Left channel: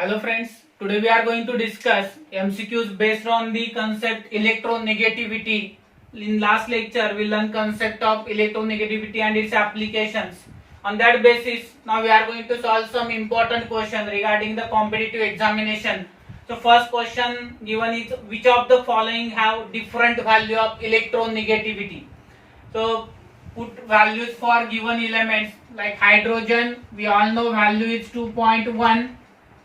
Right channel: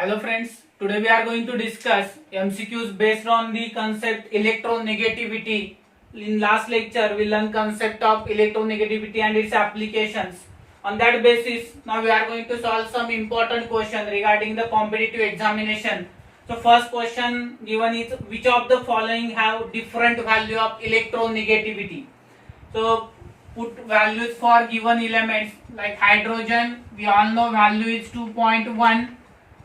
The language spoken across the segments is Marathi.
Hello friends, today we are going to discuss MCQs based on the concept electronegativity. In last lecture we learned concept of electronegativity and its applications. On that basis, now we are going to solve some important question regarding the competitive examination. So first question given is which of the following have different value of electronegativity. So put values for given elements like hydrogen, we all know value is 2.1.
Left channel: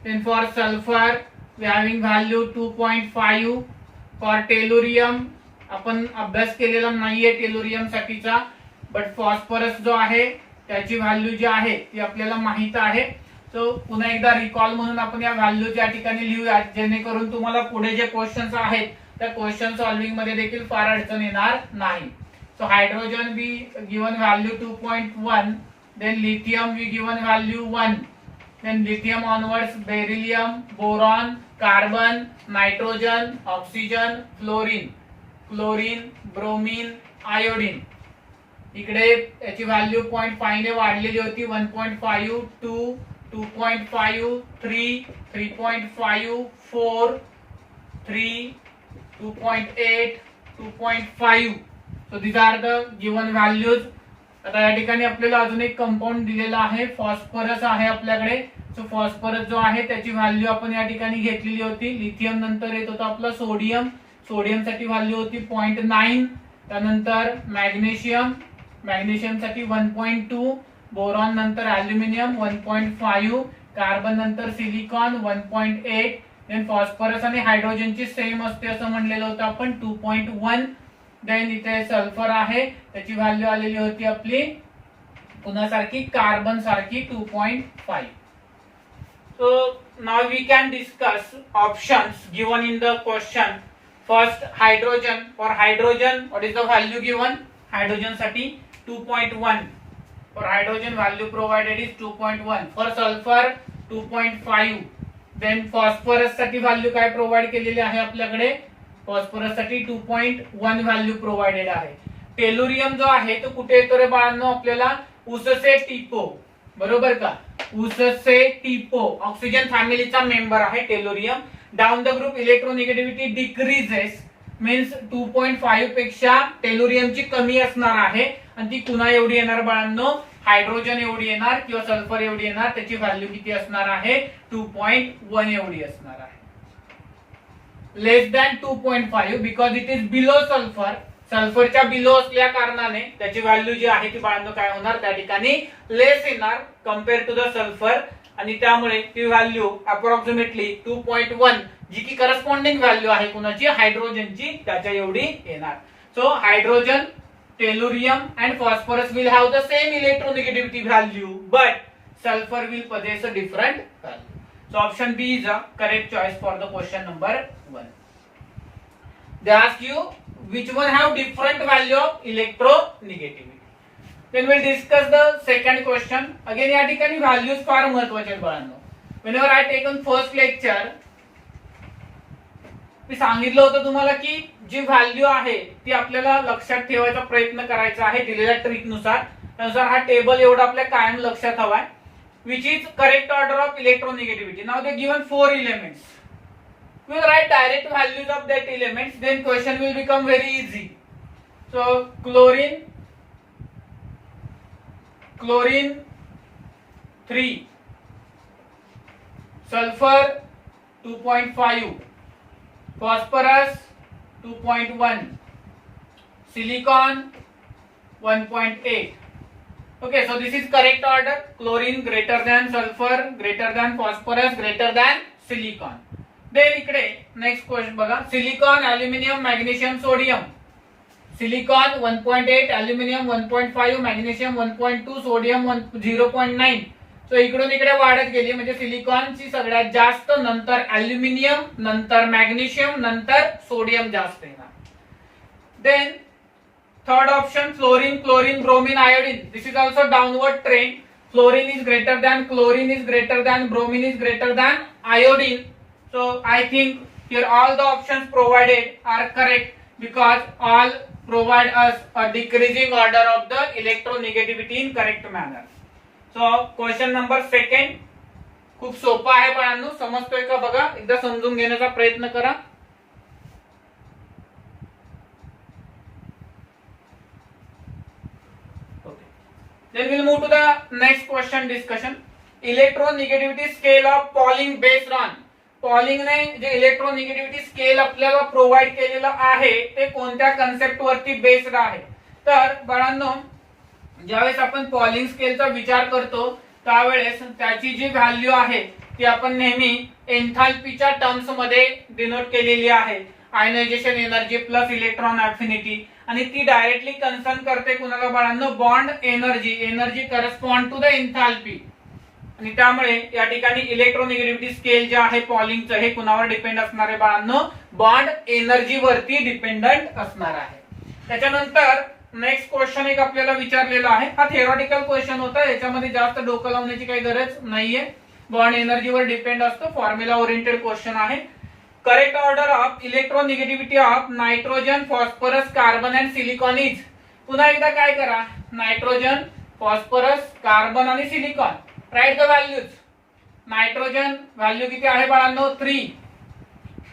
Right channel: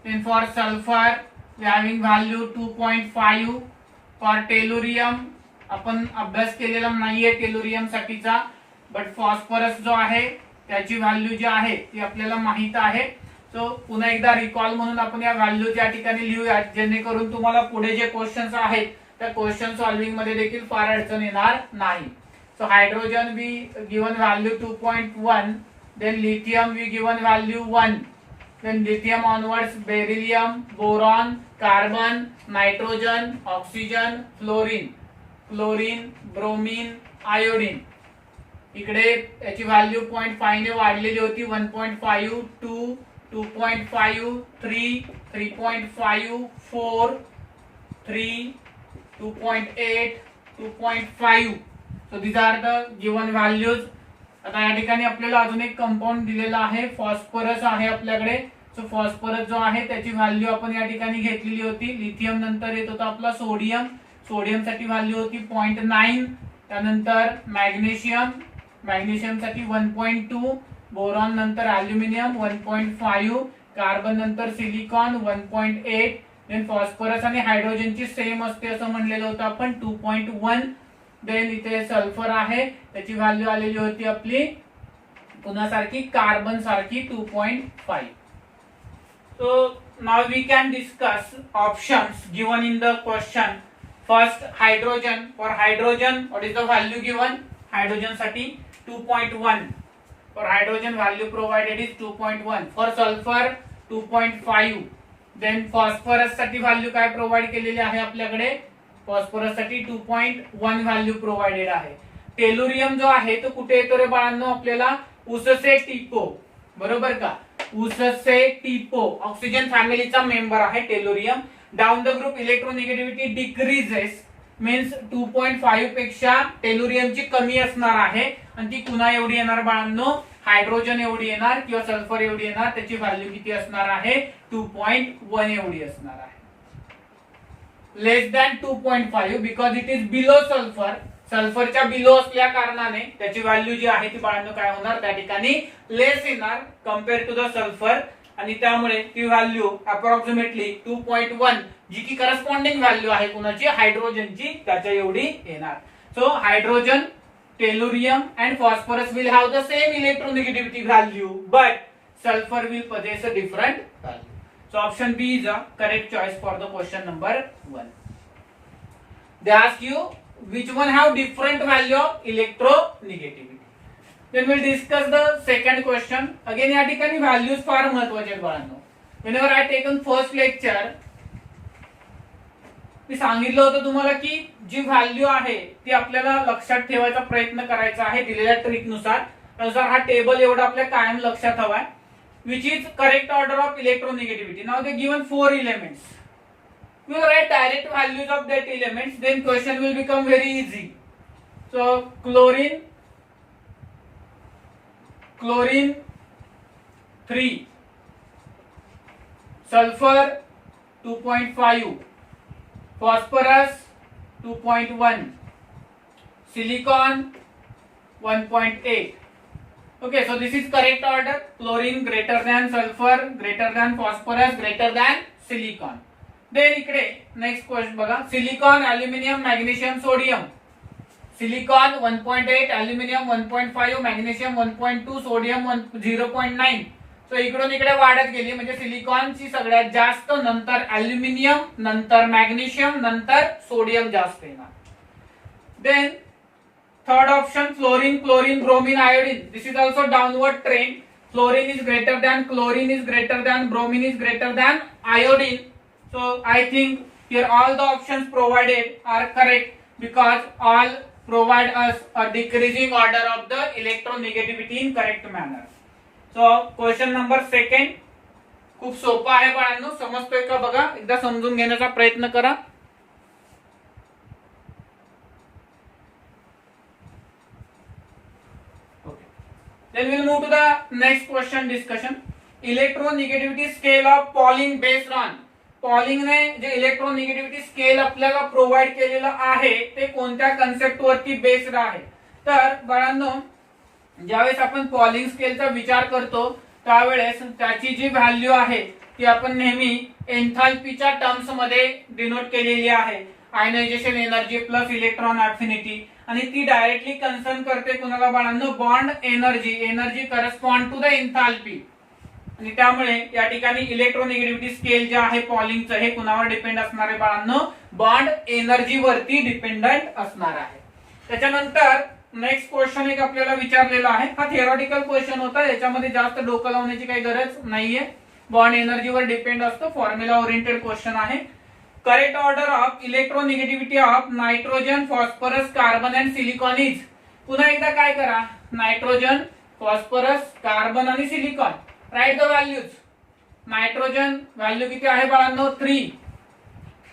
Then for sulfur we having value 2.5. for tellurium आपण अभ्यास केलेला नाहीये टेलुरियम साठीचा, बट फॉस्फरस जो आहे त्याची व्हॅल्यू जी आहे ती आपल्याला माहित आहे. सो पुन्हा एकदा रिकॉल म्हणून आपण या व्हॅल्यू या ठिकाणी लिहूया, जेणेकरून तुम्हाला पुढे जे क्वेश्चन्स आहेत त्या क्वेश्चन सॉल्विंग मध्ये देखील फार अडचण येणार नाही. So hydrogen we given value 2.1, then lithium we given value 1, then lithium onwards beryllium, boron, carbon, nitrogen, oxygen, fluorine, bromine, iodine. इकडे याची व्हॅल्यू 0.5 ने वाढलेली होती. 1.5, 2, 2.5, 3, 3.5, 4, 3, 2.8, 2.5. So these are the given values. आता या ठिकाणी आपल्याला अजून एक कंपाऊंड दिलेला आहे, फॉस्फरस आहे आपल्याकडे. सो फॉस्फरस जो आहे त्याची व्हॅल्यू आपण या ठिकाणी घेतलेली होती. लिथियम नंतर येत होता आपला सोडियम, सोडियम साठी व्हॅल्यू होती 0.9. त्यानंतर मॅग्नेशियम साठी 1.2, बोरॉन नंतर अल्युमिनियम 1.5, कार्बन नंतर सिलिकॉन 1.8. देन फॉस्फरस आणि हायड्रोजनची सेम असते असं म्हणलेलं होतं आपण 2.1. देन इथे सल्फर आहे त्याची व्हॅल्यू आलेली होती आपली पुन्हा सारखी कार्बन सारखी 2.5. So now we can discuss options given in the question. First hydrogen. For hydrogen what is the value given? Hydrogen साठी 2.1. For hydrogen value provided is 2.1. For sulphur 2.5. Then phosphorus साठी व्हॅल्यू काय प्रोव्हाइड केलेली आहे आपल्याकडे? फॉस्फरस साठी 2.1 व्हॅल्यू प्रोव्हाइडेड आहे. टेलुरियम जो आहे तो कुठे येतो रे बाळांनो? आपल्याला उससे टिपो, बरोबर का? उससे टिपो ऑक्सिजन फॅमिलीचा मेंबर आहे tellurium. Down the group electronegativity decreases, means 2.5 पेक्षा टेलुरियमची कमी असणार आहे आणि ती पुन्हा एवढी येणार बाळांनो? हायड्रोजन एवढी येणार किंवा सल्फर एवढी येणार. त्याची व्हॅल्यू किती असणार आहे? 2.1 एवढी असणार आहे. Less than 2.5 because it is below sulphur. सल्फरच्या बिलो असल्या कारणाने त्याची व्हॅल्यू जी आहे ती बाळांनो काय होणार? त्या ठिकाणी लेस येणार कम्पेअर टू द सल्फर, आणि त्यामुळे ती व्हॅल्यू अप्रॉक्सिमेटली 2.1 जी की करस्पॉन्डिंग व्हॅल्यू आहे कुणाची? हायड्रोजनची, त्याच्या एवढी येणार. So hydrogen, tellurium and phosphorus will have the same electronegativity value, but sulfur will possess a different value. So option B is a correct choice for the question number 1. They ask you which one have different value of electronegativity. Then we'll discuss the second question. Again या ठिकाणी values फार महत्त्वाचे आहेत बाळांनो. Whenever I taken first lecture मी सांगितलं होतं तुम्हाला की जी व्हॅल्यू आहे ती आपल्याला लक्षात ठेवायचा प्रयत्न करायचा आहे दिलेल्या ट्रिक नुसार. त्यानुसार हा टेबल एवढा आपल्या कायम लक्षात हवाय. Which is correct order of electronegativity. Now they given 4 elements. We will write direct values of that elements. Then question will become very easy. So chlorine 3, sulfur 2.5, phosphorus 2.1, silicon 1.8. Okay, so this is correct order. Chlorine greater than sulfur, greater than phosphorus, greater than silicon. Then इकडे next question बघा. Silicon, aluminium, magnesium, sodium. Silicon 1.8, aluminium 1.5, magnesium 1.2, sodium 0.9. So इकडून इकडे वाढत गेली, म्हणजे सिलिकॉनची सगळ्यात जास्त, नंतर अल्युमिनियम, नंतर मॅग्नेशियम, नंतर सोडियम जास्त येणार. Then third option fluorine, chlorine, bromine, iodine. This is also downward trend. Fluorine is greater than, chlorine is greater than, bromine is greater than iodine. So I think here all the options provided are correct because all provide us a decreasing order of the electronegativity in correct manner. So question number second. खूप सोपा आहे बाळांनो, समजतोय का बघा, एकदा समजून घेण्याचा प्रयत्न करा. Then we'll move to the next question discussion. Electronegativity scale of Pauling based on. Polling ने जे इलेक्ट्रोनिगेटिव्हिटी स्केल आपल्याला प्रोव्हाइड केलेलं आहे ते कोणत्या कन्सेप्ट वरती बेस्ड आहे. तर बाळांनो, ज्यावेळेस आपण पॉलिंग स्केलचा विचार करतो त्यावेळेस त्याची जी व्हॅल्यू आहे ती आपण नेहमी एन्थाल्पीच्या टर्म्स मध्ये डिनोट केलेली आहे. Ionization energy plus electron affinity, आणि ती डायरेक्टली कन्सर्न करते कुणाला बाळांनो, bond energy. Energy correspond to the enthalpy. आणि त्यामुळे या ठिकाणी इलेक्ट्रोनिगेटिव्हिटी स्केल जे आहे पॉलिंगचं हे कुणावर डिपेंड असणार आहे बाळांनो, बॉन्ड एनर्जी वरती डिपेंडंट असणार आहे. त्याच्यानंतर नेक्स्ट क्वेश्चन एक आपल्याला विचारलेला आहे. हा थिअरॉटिकल क्वेश्चन होता, याच्यामध्ये जास्त डोकं लावण्याची काही गरज नाहीये. बॉन्ड एनर्जीवर डिपेंड असतो, फॉर्म्युला ओरिएंटेड क्वेश्चन आहे. Correct order of electronegativity of nitrogen, phosphorus, carbon and silicon is. पुन्हा एकदा काय करा, नायट्रोजन, फॉस्फरस, कार्बन आणि silicon. Write the values. Nitrogen value किती आहे बाळांनो, 3.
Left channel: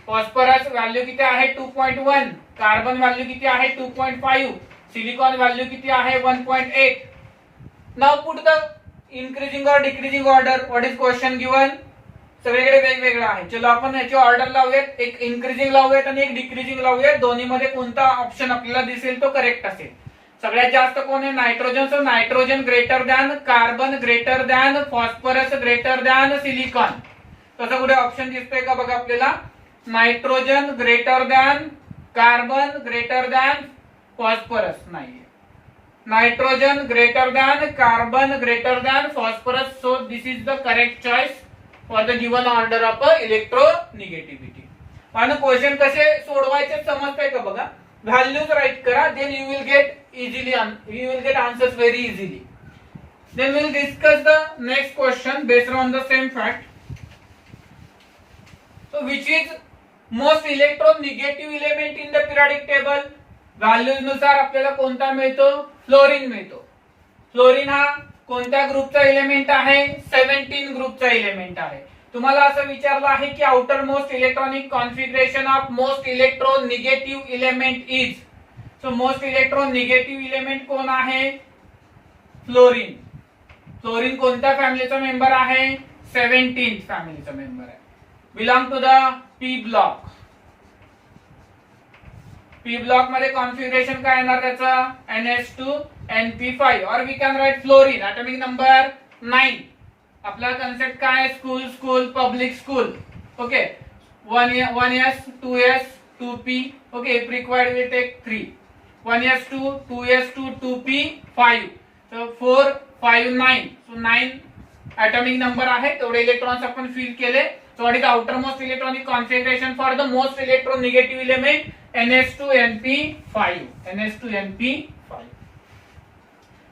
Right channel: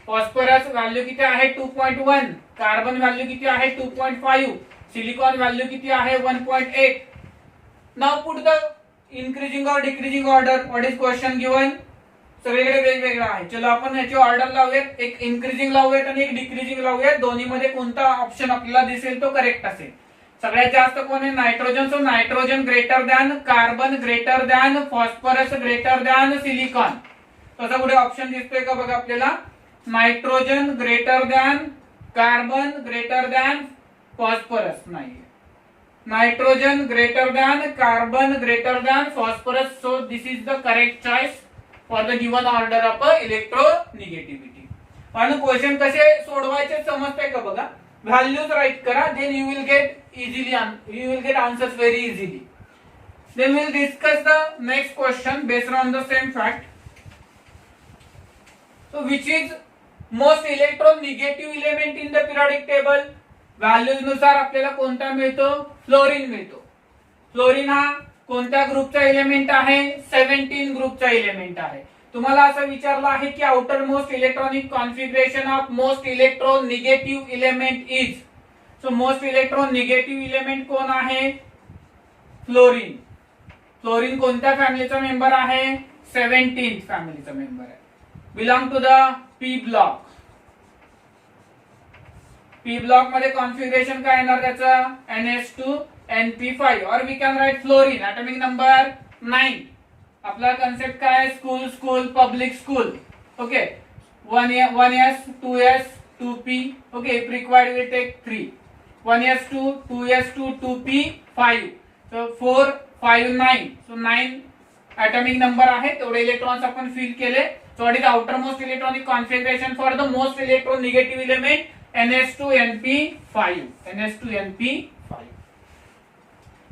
फॉस्फरस व्हॅल्यू किती आहे, 2.1. कार्बन व्हॅल्यू किती आहे, 2.5. सिलिकॉन व्हॅल्यू किती आहे, 1.8. नाउ पुट द इन्क्रीजिंग और decreasing order. What is question given. सगळीकडे वेगवेगळं आहे. चलो आपण याची ऑर्डर लावूयात, एक इन्क्रीजिंग लावूयात आणि एक डिक्रीजिंग लावूयात. दोन्ही मध्ये कोणता ऑप्शन आपल्याला दिसेल तो करेक्ट असेल. सगळ्यात जास्त कोण आहे, nitrogen. So nitrogen greater than carbon, greater than phosphorus, greater than silicon. तसा कुठे ऑप्शन दिसतोय का बघा आपल्याला. Nitrogen greater than carbon, greater than phosphorus नाहीये. Nitrogen greater than carbon, greater than phosphorus. So this is the correct choice for the given order of electronegativity. आणि क्वेश्चन कसे सोडवायचे समजतंय का बघा. व्हॅल्यूज राईट करा, then you will get easily, you will get answers very easily. Then we will discuss the next question based on the same fact. So which is most electronegative element in the periodic table. Values नुसार आपल्याला कोणता मिळतो, फ्लोरीन मिळतो. फ्लोरीन हा कोणत्या ग्रुपचा एलिमेंट आहे, 17 ग्रुपचा एलिमेंट आहे. तुम्हाला असं विचारलं आहे की outermost electronic configuration of most electronegative element is. So most electronegative element कोण आहे, फ्लोरीन. फ्लोरीन कोणत्या फॅमिलीचा मेंबर आहे, 17th फॅमिलीचा मेंबर आहे. Belong to the P block. P block मध्ये कॉन्फिगरेशन काय येणार त्याचा, NH2 NP5. और we can write fluorine atomic number 9. आपला कन्सेप्ट काय आहे, school school public school. Okay, 1s 2s 2p. Okay, if required will take 3. 1s2 2s2 2p 5. So 4 5 9. So 9 atomic number आहे. तेवढे इलेक्ट्रॉन्स आपण फिल केले. So what is the outermost electronic configuration for the most electronegative element, NH2 NP5. NH2 NP5.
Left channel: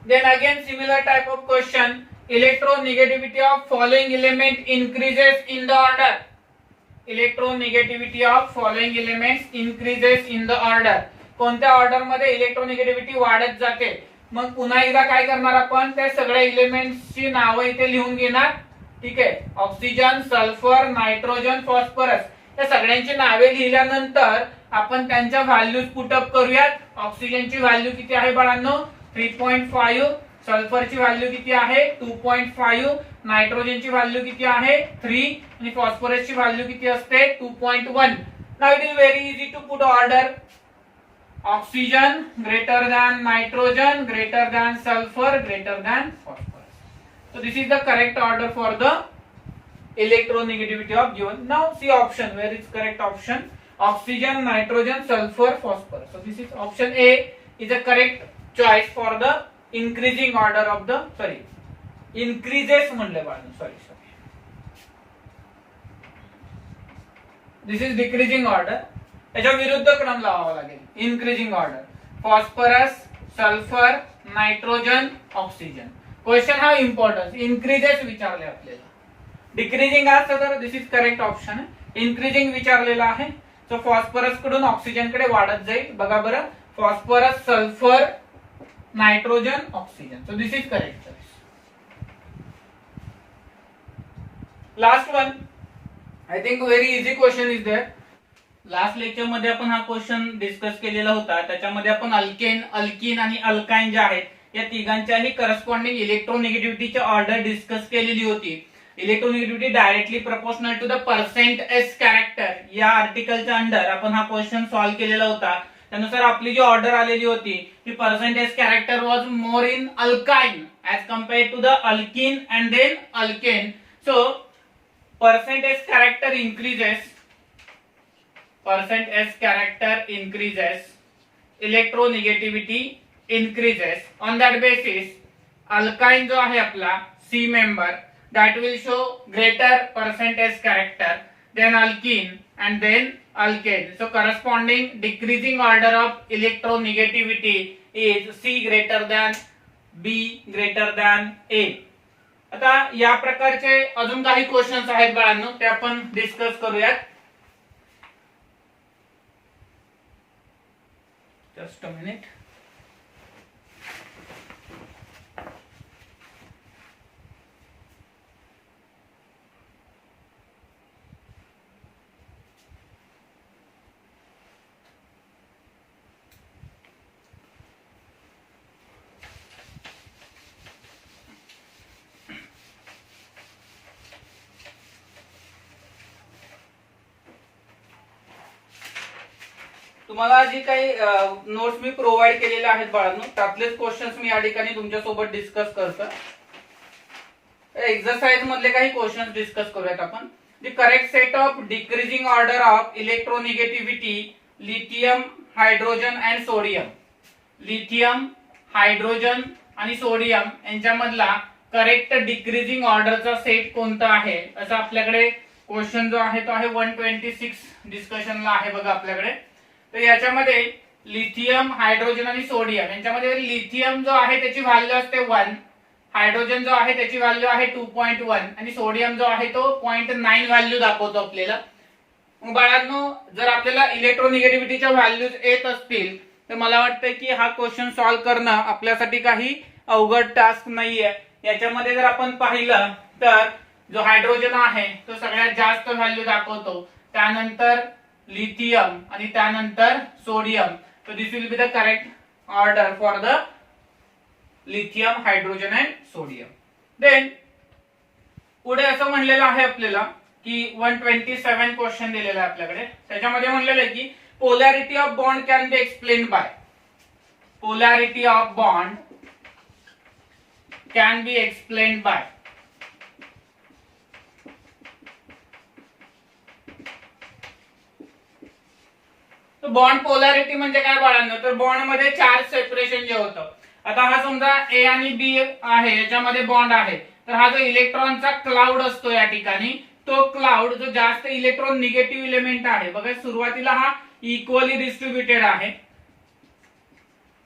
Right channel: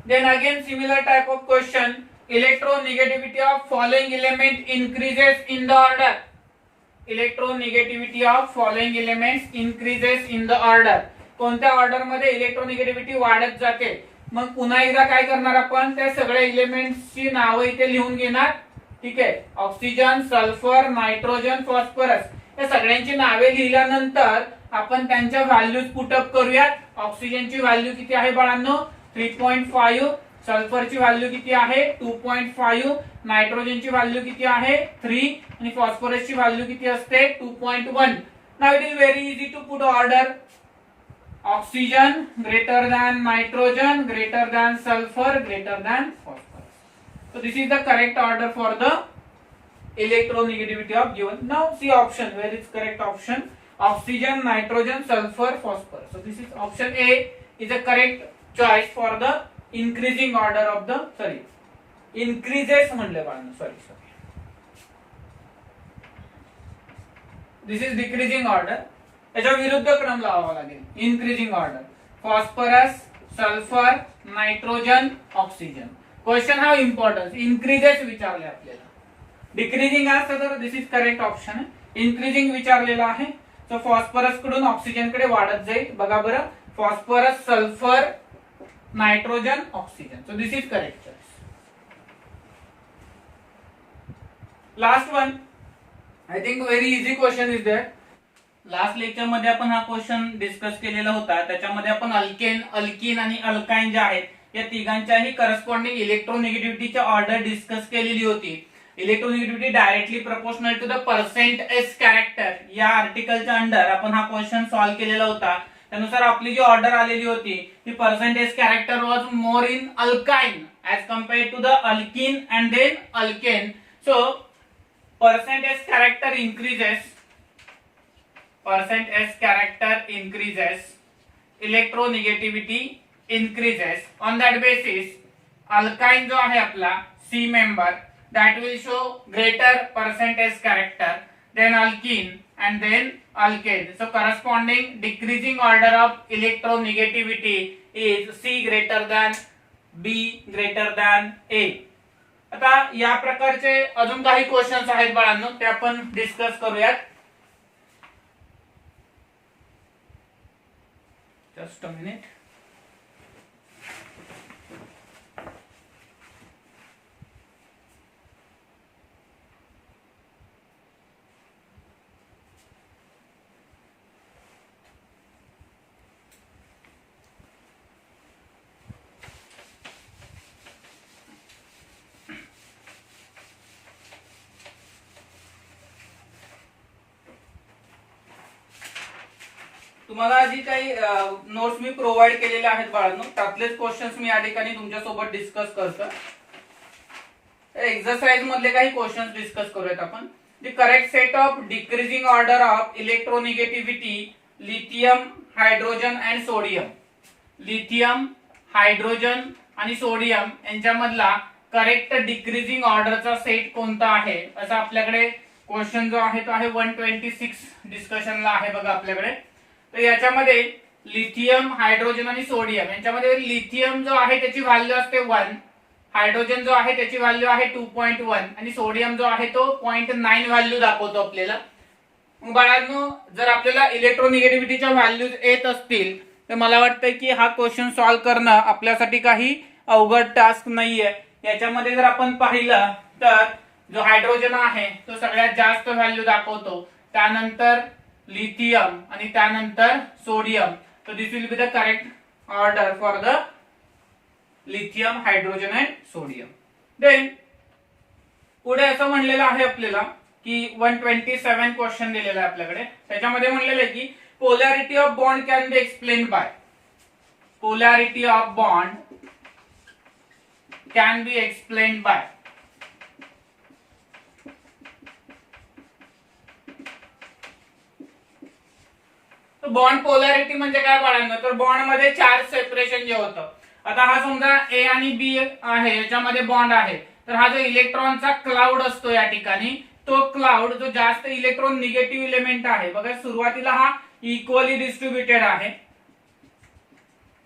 Then again similar type of question. Electronegativity of following element increases in the order. Electronegativity of following elements increases in the order. कोणत्या ऑर्डर मध्ये इलेक्ट्रोनिगेटिव्हिटी वाढत जाते. मग पुन्हा एकदा काय करणार आपण, त्या सगळ्या एलिमेंट्सची नावं इथे लिहून घेणार. ठीक आहे, ऑक्सिजन, सल्फर, नायट्रोजन, फॉस्फरस या सगळ्यांची नावे लिहिल्यानंतर आपण त्यांच्या व्हॅल्यूज पुटअप करूयात. ऑक्सिजनची व्हॅल्यू किती आहे बाळांनो, 3.5. सल्फरची व्हॅल्यू किती आहे, 2.5. नायट्रोजनची व्हॅल्यू किती आहे, 3. आणि फॉस्फरसची व्हॅल्यू किती असते, 2.1. Now it is very easy to put order. Oxygen greater than nitrogen, greater than sulfur, greater than phosphorus. So this is the correct order for the electronegativity of given. Now see option, where is correct option? Oxygen, nitrogen, sulfur, phosphorus. So this is option A is a correct choice for the increasing order of the, sorry, increases म्हणले बाळांनो, sorry. This is decreasing order. याच्या विरुद्ध क्रम लावावा लागेल, increasing order. Phosphorus, sulphur, nitrogen, oxygen. Question हा इम्पॉर्टन्स, इन्क्रीजेस विचारले आपल्याला. डिक्रीजिंग असतं तर दिस इज करेक्ट ऑप्शन आहे. इन्क्रीजिंग विचारलेला आहे, सो फॉस्फरस कडून ऑक्सिजन कडे वाढत जाईल. बघा बरं, phosphorus, sulphur, nitrogen, oxygen. So this is correct choice. Last one, I think very easy question is there. Last lecture मध्ये आपण हा क्वेश्चन डिस्कस केलेला होता. त्याच्यामध्ये आपण अल्केन, अल्किन आणि अल्काइन जे आहेत या तिघांच्याही करस्पॉन्डिंग इलेक्ट्रोनिगेटिव्हिटीची ऑर्डर डिस्कस केलेली होती. Electronegativity directly proportional to the percent S character या आर्टिकलच्या अंडर आपण हा क्वेश्चन सॉल्व्ह केलेला होता. त्यानुसार आपली जी ऑर्डर आलेली होती ती percent S character was more in alkyne as compare to the alkene and then alkane. So percent S character increases, percent S character increases, electronegativity increases. On that basis, alkyne जो आहे आपला C member that will show greater percent S character than alkene and then alkane. So corresponding decreasing order of electronegativity is C greater than B greater than A. आता या प्रकारचे अजून काही क्वेश्चन्स आहेत बाळांनो, ते आपण डिस्कस करूयात. Just a minute. तुम्हाला जी काही नोट्स मी प्रोव्हाइड केलेल्या आहेत बाळांनो, त्यातलेच क्वेश्चन्स मी या ठिकाणी तुमच्या सोबत डिस्कस करतो. एक्सरसाइज मधले काही क्वेश्चन्स डिस्कस करूयात आपण. The correct set of decreasing order of electronegativity lithium, hydrogen and sodium. Lithium, hydrogen आणि सोडियम यांच्यामधला करेक्ट डिक्रीजिंग ऑर्डरचा सेट कोणता आहे, असा आपल्याकडे क्वेश्चन जो आहे तो आहे 126 डिस्कशनला आहे बघा आपल्याकडे. तर याच्यामध्ये लिथियम, हायड्रोजन आणि सोडियम यांच्यामध्ये लिथियम जो आहे त्याची व्हॅल्यू असते 1, हायड्रोजन जो आहे त्याची व्हॅल्यू आहे 2.1 आणि सोडियम जो आहे तो 0.9 व्हॅल्यू दाखवतो आपल्याला. मग बाळांनो, जर आपल्याला इलेक्ट्रोनिगेटिव्हिटीच्या व्हॅल्यूज येत असतील तर मला वाटतं की हा क्वेश्चन सॉल्व्ह करणं आपल्यासाठी काही अवघड टास्क नाहीये. याच्यामध्ये जर आपण पाहिलं तर जो हायड्रोजन आहे तो सगळ्यात जास्त व्हॅल्यू दाखवतो, त्यानंतर लिथियम आणि त्यानंतर sodium. So this will be the correct order for the lithium, hydrogen and sodium. Then पुढे असं म्हणलेलं आहे आपल्याला की 127 क्वेश्चन दिलेला आहे आपल्याकडे. त्याच्यामध्ये म्हणलेलं आहे की polarity of bond can be explain by. Polarity of bond can be explain by. Bond polarity म्हणजे काय बाळांनो, तर बॉन्ड मध्ये चार्ज सेपरेशन जे होतं. आता हा समजा ए आणि बी आहे, याच्यामध्ये बॉन्ड आहे, तर हा जो इलेक्ट्रॉनचा क्लाउड असतो या ठिकाणी, तो क्लाउड जो जास्त इलेक्ट्रॉन निगेटिव्ह एलिमेंट आहे बघा, सुरुवातीला हा इक्वली डिस्ट्रीब्युटेड आहे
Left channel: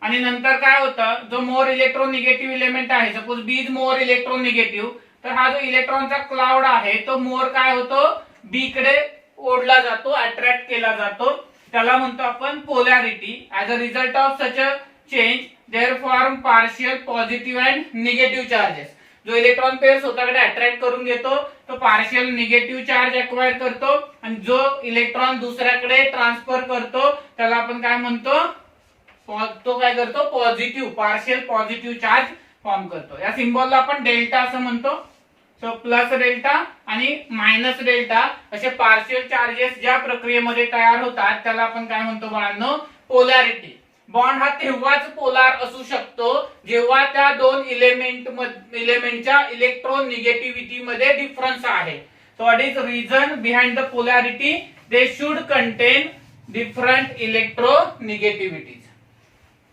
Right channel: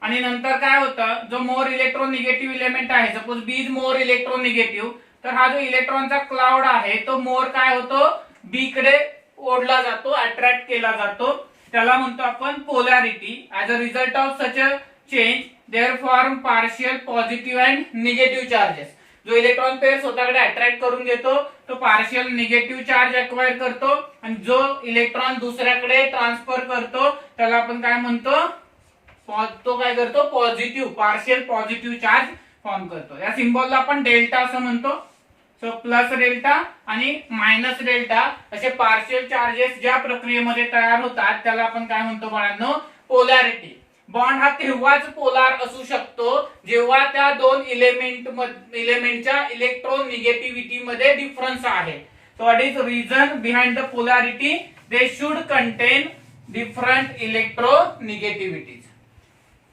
आणि नंतर काय होतं, जो मोर इलेक्ट्रॉन निगेटिव्ह एलिमेंट आहे, suppose B is more electron negative, तर हा जो इलेक्ट्रॉनचा क्लाउड आहे तो मोर काय होतो, बी कडे ओढला जातो, अट्रॅक्ट केला जातो. त्याला म्हणतो आपण polarity. As a result of such a change there form partial positive and negative charges. जो इलेक्ट्रॉन पेअर स्वतःकडे अट्रॅक्ट करून घेतो तो पार्शियल निगेटिव्ह चार्ज अक्वायर करतो आणि जो इलेक्ट्रॉन दुसऱ्याकडे ट्रान्सफर करतो त्याला आपण काय म्हणतो, तो काय करतो, positive, partial positive charge form करतो. या सिम्बॉलला आपण डेल्टा असं म्हणतो. सो प्लस डेल्टा आणि मायनस डेल्टा असे पार्शियल चार्जेस ज्या प्रक्रियेमध्ये तयार होतात त्याला आपण काय म्हणतो बाळांनो, पोलॅरिटी. बॉन्ड हा तेव्हाच पोलार असू शकतो जेव्हा त्या दोन इलेमेंटच्या इलेक्ट्रॉन निगेटिव्हिटी मध्ये डिफरन्स आहे. So what is reason behind the polarity, they should contain different electronegativities.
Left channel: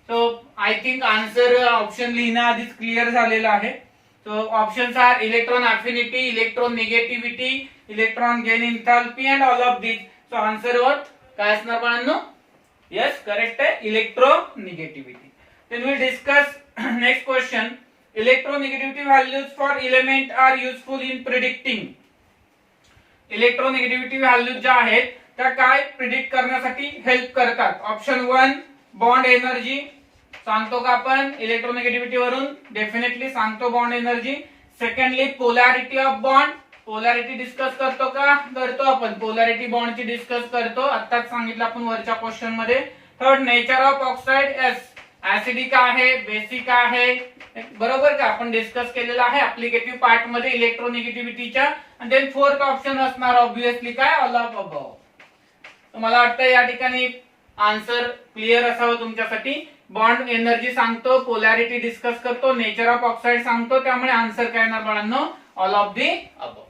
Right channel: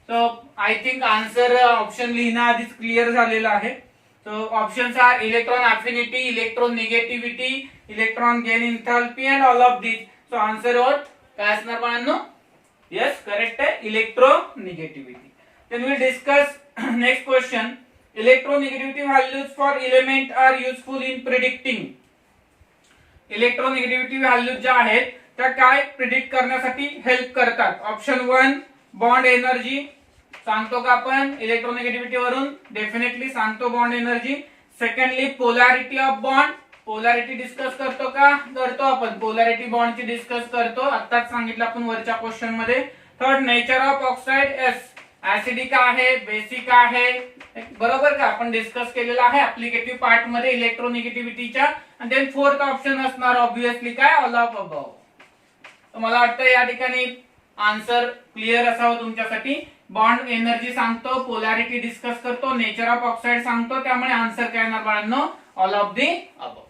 So I think answer option लिहिणं आधीच क्लिअर झालेलं आहे. So options are electron affinity, electron negativity, electron gain enthalpy and all of these. So answer what? काय असणार बाळांनो? Yes, correct आहे, electronegativity. Then we discuss next question. Electronegativity values for element are useful in predicting. Electronegativity values ज्या आहेत त्या काय प्रिडिक्ट करण्यासाठी हेल्प करतात. Option 1 bond energy. सांगतो का आपण इलेक्ट्रोनिगेटिव्हिटी वरून? डेफिनेटली सांगतो bond energy. Secondly polarity of bond. Polarity discuss करतो का? करतो आपण पोलॅरिटी बॉन्डची डिस्कस करतो. आताच सांगितलं आपण वरच्या क्वेश्चन मध्ये. Third, nature of oxide S, acidic आहे, बेसिक आहे, बरोबर का? आपण डिस्कस केलेला आहे ऍप्लिकेटिव्ह पार्ट मध्ये इलेक्ट्रोनिगेटिव्हिटीच्या. आणि देन फोर्थ ऑप्शन असणार ऑब्विसली काय? All of above. मला वाटतं या ठिकाणी आन्सर क्लिअर असावं तुमच्यासाठी. बॉन्ड एनर्जी सांगतो, पोलॅरिटी डिस्कस करतो, नेचर ऑफ ऑक्साइड सांगतो, त्यामुळे आन्सर काय येणार बाळांनो? All of the above.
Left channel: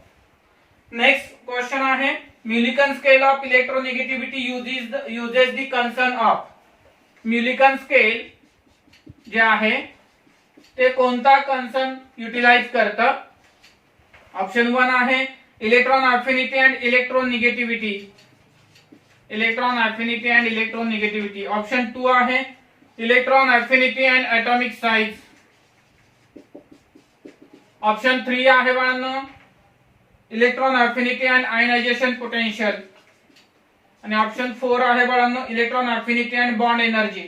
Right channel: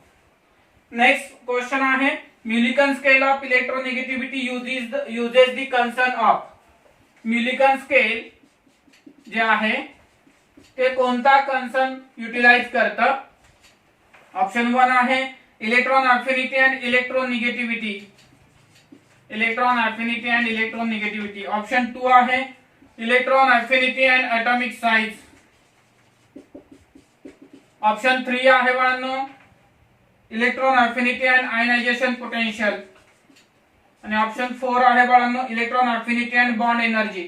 Next question आहे, Mulliken scale of electronegativity uses the concern of. Mulliken scale जे आहे ते कोणता कन्सर्न युटिलाइज करतं? ऑप्शन 1 आहे electron affinity and electronegativity. Electron affinity and electronegativity. Option 2 आहे electron affinity and atomic size. Option 3 आहे बाळांनो electron affinity and ionisation potential. आणि ऑप्शन 4 आहे बाळांनो electron affinity and bond energy.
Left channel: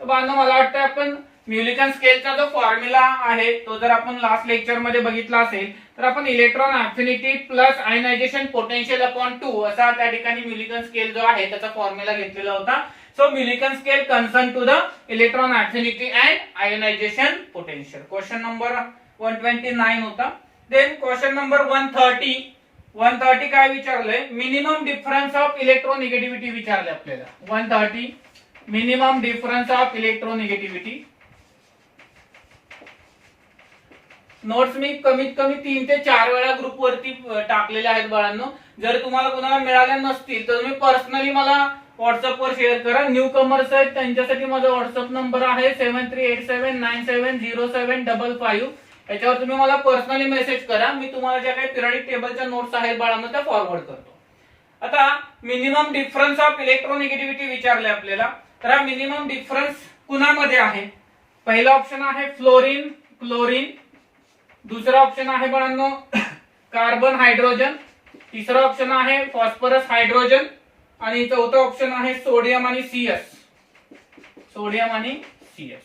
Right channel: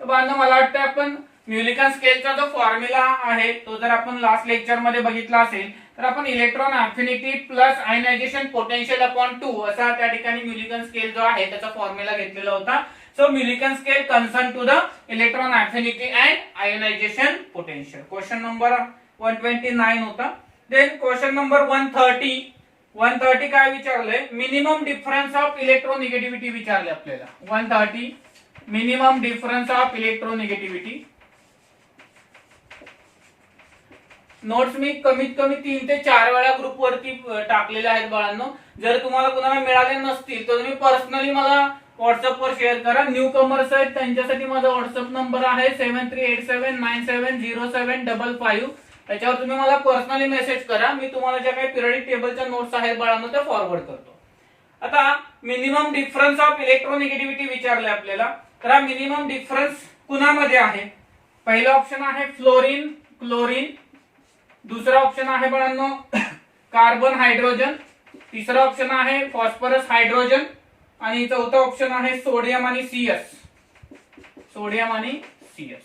तर बाळांनो मला वाटतं आपण म्युलिकन स्केलचा जो फॉर्म्युला आहे तो जर आपण लास्ट लेक्चर मध्ये बघितला असेल तर आपण electron affinity plus ionisation potential upon 2 असा त्या ठिकाणी म्युलिकन स्केल जो आहे त्याचा फॉर्म्युला घेतलेला होता. So Mulliken scale concern to the electron affinity and ionisation potential. Question number 129 होता. देन क्वेश्चन नंबर 130 काय विचारलंय? मिनिमम डिफरन्स ऑफ इलेक्ट्रोनिगेटिव्हिटी विचारले आपल्याला. 130 minimum difference of electronegativity. Notes मी कमीत कमी 3 ते 4 वेळा ग्रुप वरती टाकलेले आहेत बाळांनो. जर तुम्हाला कुणाला मिळाल्या नसतील तर तुम्ही पर्सनली मला व्हॉट्सअप वर शेअर करा. न्यू कमर्स आहेत त्यांच्यासाठी माझा व्हॉट्सअप नंबर आहे 7387970755. याच्यावर तुम्ही मला पर्सनली मेसेज करा. मी तुम्हाला ज्या काही पिरियडिक टेबलच्या नोट्स आहेत बाळांनो त्या फॉरवर्ड करतो. आता मिनिमम डिफरन्स ऑफ इलेक्ट्रोनिगेटिव्हिटी विचारले आपल्याला. तर हा मिनिमम डिफरन्स कुणामध्ये आहे? पहिला ऑप्शन आहे फ्लोरीन क्लोरीन. दुसरा ऑप्शन आहे बाळांनो कार्बन हायड्रोजन. तिसरा ऑप्शन आहे फॉस्फरस हायड्रोजन. आणि चौथा ऑप्शन आहे सोडियम आणि सीएस. सोडियम आणि सीएस.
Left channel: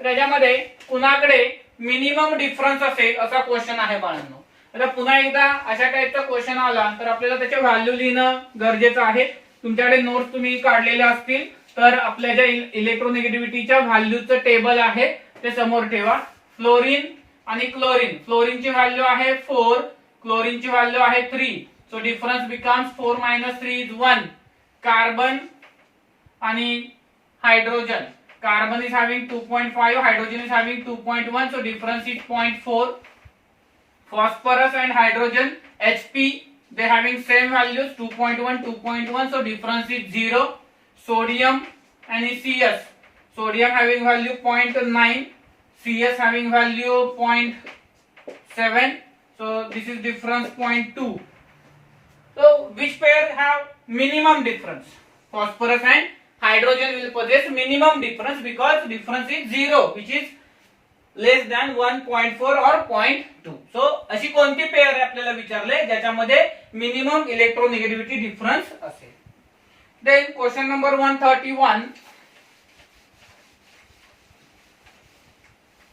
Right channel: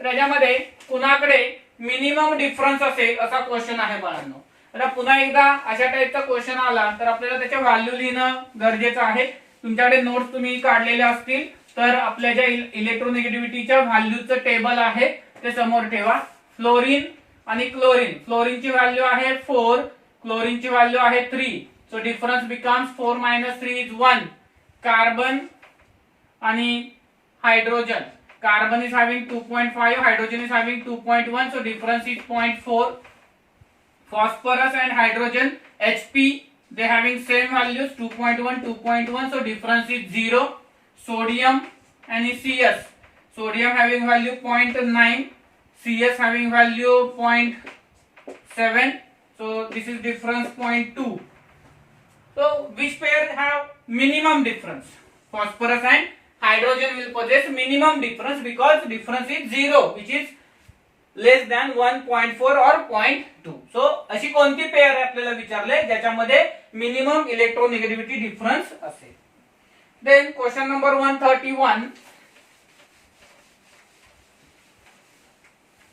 तर याच्यामध्ये कुणाकडे मिनिमम डिफरन्स असेल असा क्वेश्चन आहे बाळांनो. आता पुन्हा एकदा अशा टाईपचा क्वेश्चन आला तर आपल्याला त्याचे व्हॅल्यू लिहिणं गरजेचं आहे. तुमच्याकडे नोट्स तुम्ही काढलेल्या असतील तर आपल्या ज्या इलेक्ट्रोनिगेटिव्हिटीच्या व्हॅल्यूचं टेबल आहे ते समोर ठेवा. फ्लोरीन आणि क्लोरीन. फ्लोरीनची व्हॅल्यू आहे 4, क्लोरीनची व्हॅल्यू आहे 3. So difference becomes 4 - 3 is 1. Carbon आणि hydrogen. Carbon is having 2.5, hydrogen is having 2.1, so difference is 0.4. Phosphorus and hydrogen Hp they having same values 2.1 2.1, so difference is 0. Sodium and CS. Sodium having value 0.9, CS having value 0.7, so this is difference 0.2. So which pair have minimum difference? Phosphorus and hydrogen will possess minimum difference because difference is 0, which is less than 1.4 और 0.2. सो अशी कोणती पेअर आपल्याला विचारले ज्याच्यामध्ये मिनिमम इलेक्ट्रोनिगेटिव्हिटी डिफरन्स असेल. देन क्वेश्चन नंबर 131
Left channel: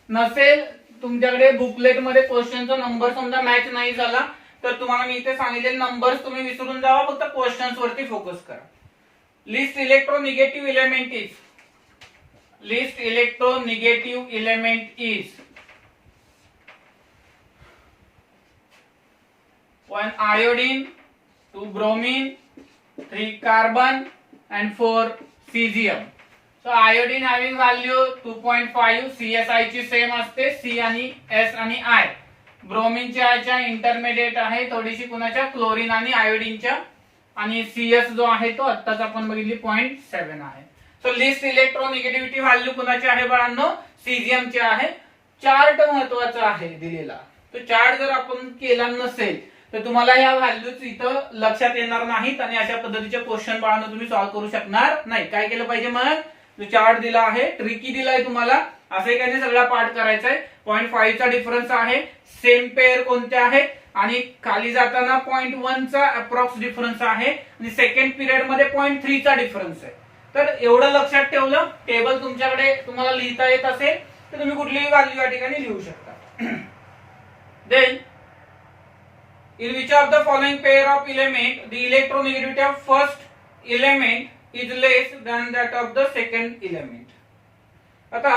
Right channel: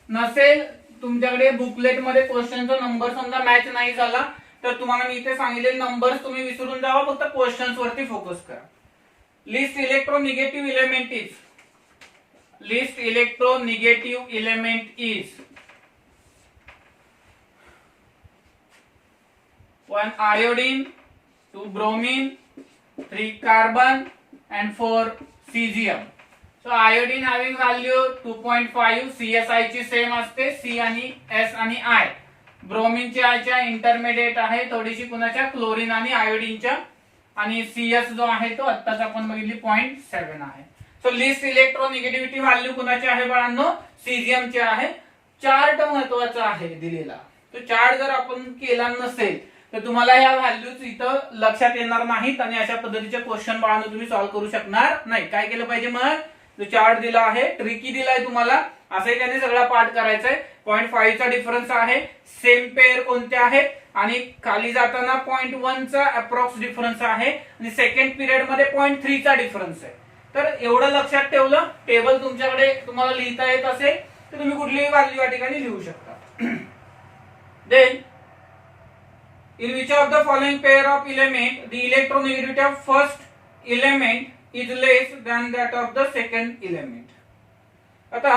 नसेल तुमच्याकडे बुकलेट मध्ये क्वेश्चनचा नंबर समजा मॅच नाही झाला तर तुम्हाला मी इथे सांगितलेले नंबर्स तुम्ही विसरून जावा, फक्त क्वेश्चन्स वरती फोकस करा. Least electronegative element is. Least electronegative element is 1 iodine, 2 bromine, 3 carbon and 4 cesium. So iodine having value 2.5, CSI ची सेम असते, C आणि S आणि I. ब्रोमीन च्या इंटरमिडिएट आहे थोडीशी कुणाच्या क्लोरीन आणि आयोडीनच्या. आणि CS जो आहे तो आत्ताच आपण बघितली 0.7 आहे. सो लिस्ट इलेक्ट्रोनिगेटिव्हिटी व्हॅल्यू कुणाची आहे बाळांनो? सीझियमची आहे. चार्ट महत्वाचा आहे दिलेला. तो चार्ट जर आपण केला नसेल तर तुम्हाला ह्या व्हॅल्यूज इथं लक्षात येणार नाहीत आणि अशा पद्धतीचे क्वेश्चन बाळांनो तुम्ही सॉल्व्ह करू शकणार नाही. काय केलं पाहिजे मग? जो चार्ट दिला आहे ट्रिकी दिलाय तुम्हाला असं एकाने सगळा पार्ट करायचा आहे. 0.5 चा डिफरन्स आहे. सेम पेअर कोणत्या आहेत आणि खाली जाताना 0.1 चा अप्रॉक्स डिफरन्स आहे आणि सेकंड पिरियड मध्ये 0.3 चा डिफरन्स आहे. तर एवढं लक्षात ठेवलं. टेबल तुमच्याकडे तुम्हाला लिहिता येत असेल तर तुम्ही कुठलीही व्हॅल्यू या ठिकाणी लिहू शकता. Then in which of the following pair of element the electronegativity of first element is less than that of the second element. आता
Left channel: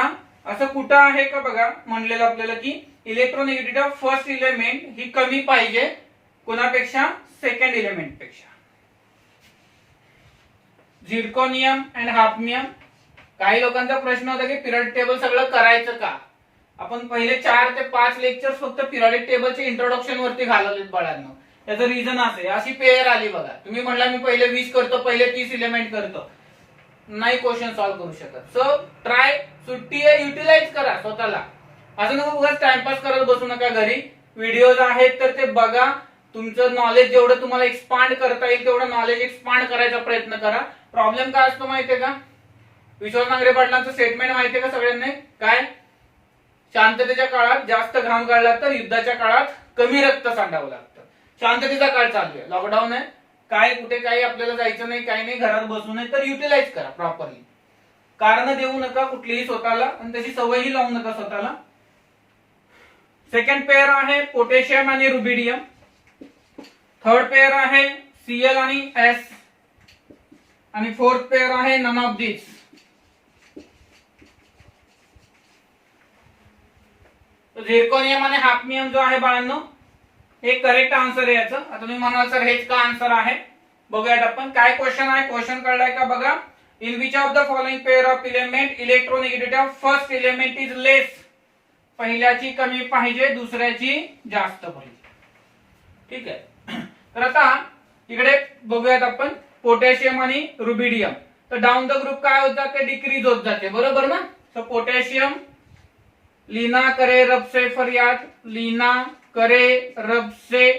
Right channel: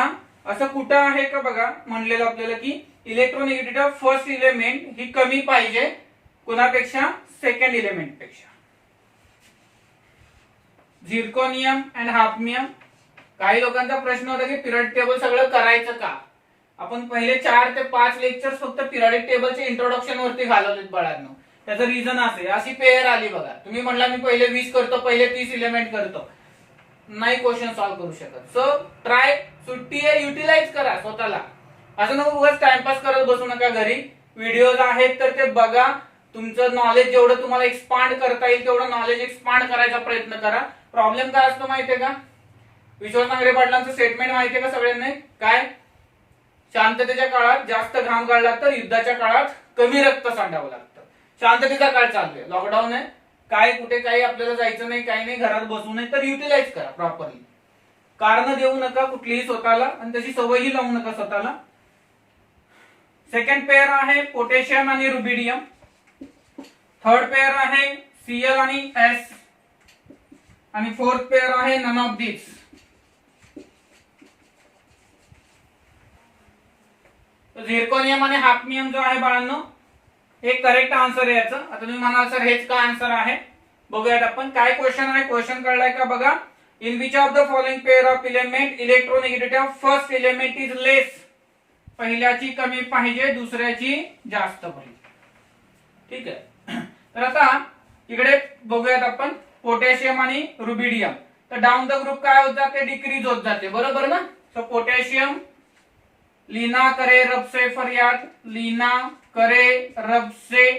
असं कुठं आहे का बघा, म्हणलेलं आपल्याला की इलेक्ट्रोनेगेटिव्हिटी ऑफ फर्स्ट एलिमेंट ही कमी पाहिजे कोणापेक्षा, सेकंड एलिमेंट पेक्षा. Zirconium and hafnium. काही लोकांचा प्रश्न होता की पिरियडिक टेबल सगळं करायचं का. आपण पहिले 4 ते 5 लेक्चर्स फक्त पिरियडिक टेबलचे इंट्रोडक्शन वरती घालवलेत बाळांनो. त्याचं रिझन असे, अशी पेयर आली बघा, तुम्ही म्हणला मी पहिले 20 करतो, पहिले 30 एलिमेंट करतो, नाही क्वेश्चन सॉल्व्ह करू शकत. सो ट्राय, सुट्टी आहे युटिलाइज करा स्वतःला. असं नको उगाच टाइमपास करत बसू नका घरी. व्हिडिओज आहेत तर ते बघा, तुमचं नॉलेज जेवढं तुम्हाला एक्सपांड करता येईल तेवढं नॉलेज एक्सपांड करायचा प्रयत्न करा. प्रॉब्लेम काय असतो माहितीये का, विश्वास नांगरे पाटलांचं स्टेटमेंट माहितीये का सगळ्यांना, काय, शांततेच्या काळात जास्त घाम गाळला तर युद्धाच्या काळात कमी रक्त सांडावं लागतं. शांततेचा काळ चालू आहे, लॉकडाऊन आहे, काय कुठे काही आपल्याला जायचं नाही, काही नाही, घरात बसू नये, तर युटिलाइज करा प्रॉपरली. कारण देऊ नका कुठलीही स्वतःला, आणि तशी सवयही लावू नका स्वतःला. सेकंड पेअर आहे पोटॅशियम आणि रुबिडियम. थर्ड पेअर आहे Cl आणि S. आणि फोर्थ पेअर आहे नन ऑफ दिस. झिर्कोनियम आणि हाफनियम जो आहे बाळांनो, हे करेक्ट आन्सर आहे याचं. आता तुम्ही म्हणाल सर हेच का आन्सर आहे, बघूयात आपण काय क्वेश्चन आहे. क्वेश्चन कळलाय का बघा. In which of the following pair of element electronegativity of first element is less. पहिल्याची कमी पाहिजे, दुसऱ्याची जास्त पाहिजे. ठीक आहे. तर आता इकडे बघूयात आपण पोटॅशियम आणि रुबिडियम. तर डाऊन द ग्रुप काय होत जाते, डिक्रीज होत जाते, बरोबर ना. सो पोटॅशियम, लीना करे रब से फरियाद, लीना करे रब से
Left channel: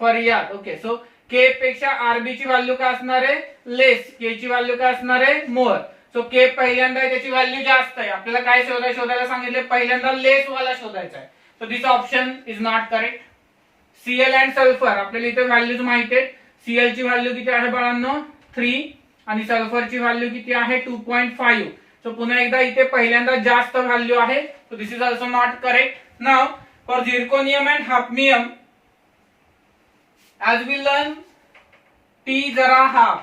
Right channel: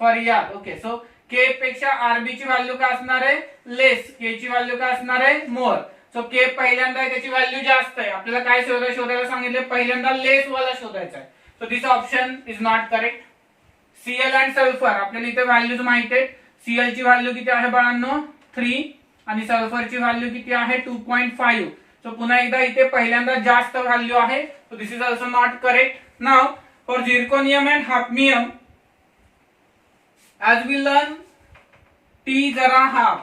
फरियाद. ओके. सो के पेक्षा आरबी ची व्हॅल्यू काय असणार आहे, लेस. के ची व्हॅल्यू काय असणार आहे, मोर. सो के पहिल्यांदा आहे, त्याची व्हॅल्यू जास्त आहे. आपल्याला काय शोधायला सांगितले, पहिल्यांदा लेस वाला शोधायचा आहे. So this option is not correct. Cl and sulphur, आपल्याला इथे व्हॅल्यूज माहिती आहेत. Cl ची व्हॅल्यू किती आहे बाळांनो, 3, आणि सल्फरची व्हॅल्यू किती आहे, 2.5. सो पुन्हा एकदा इथे पहिल्यांदा जास्त व्हॅल्यू आहे. So this is also not correct. Now for zirconium and hafnium, as we learn T जरा half.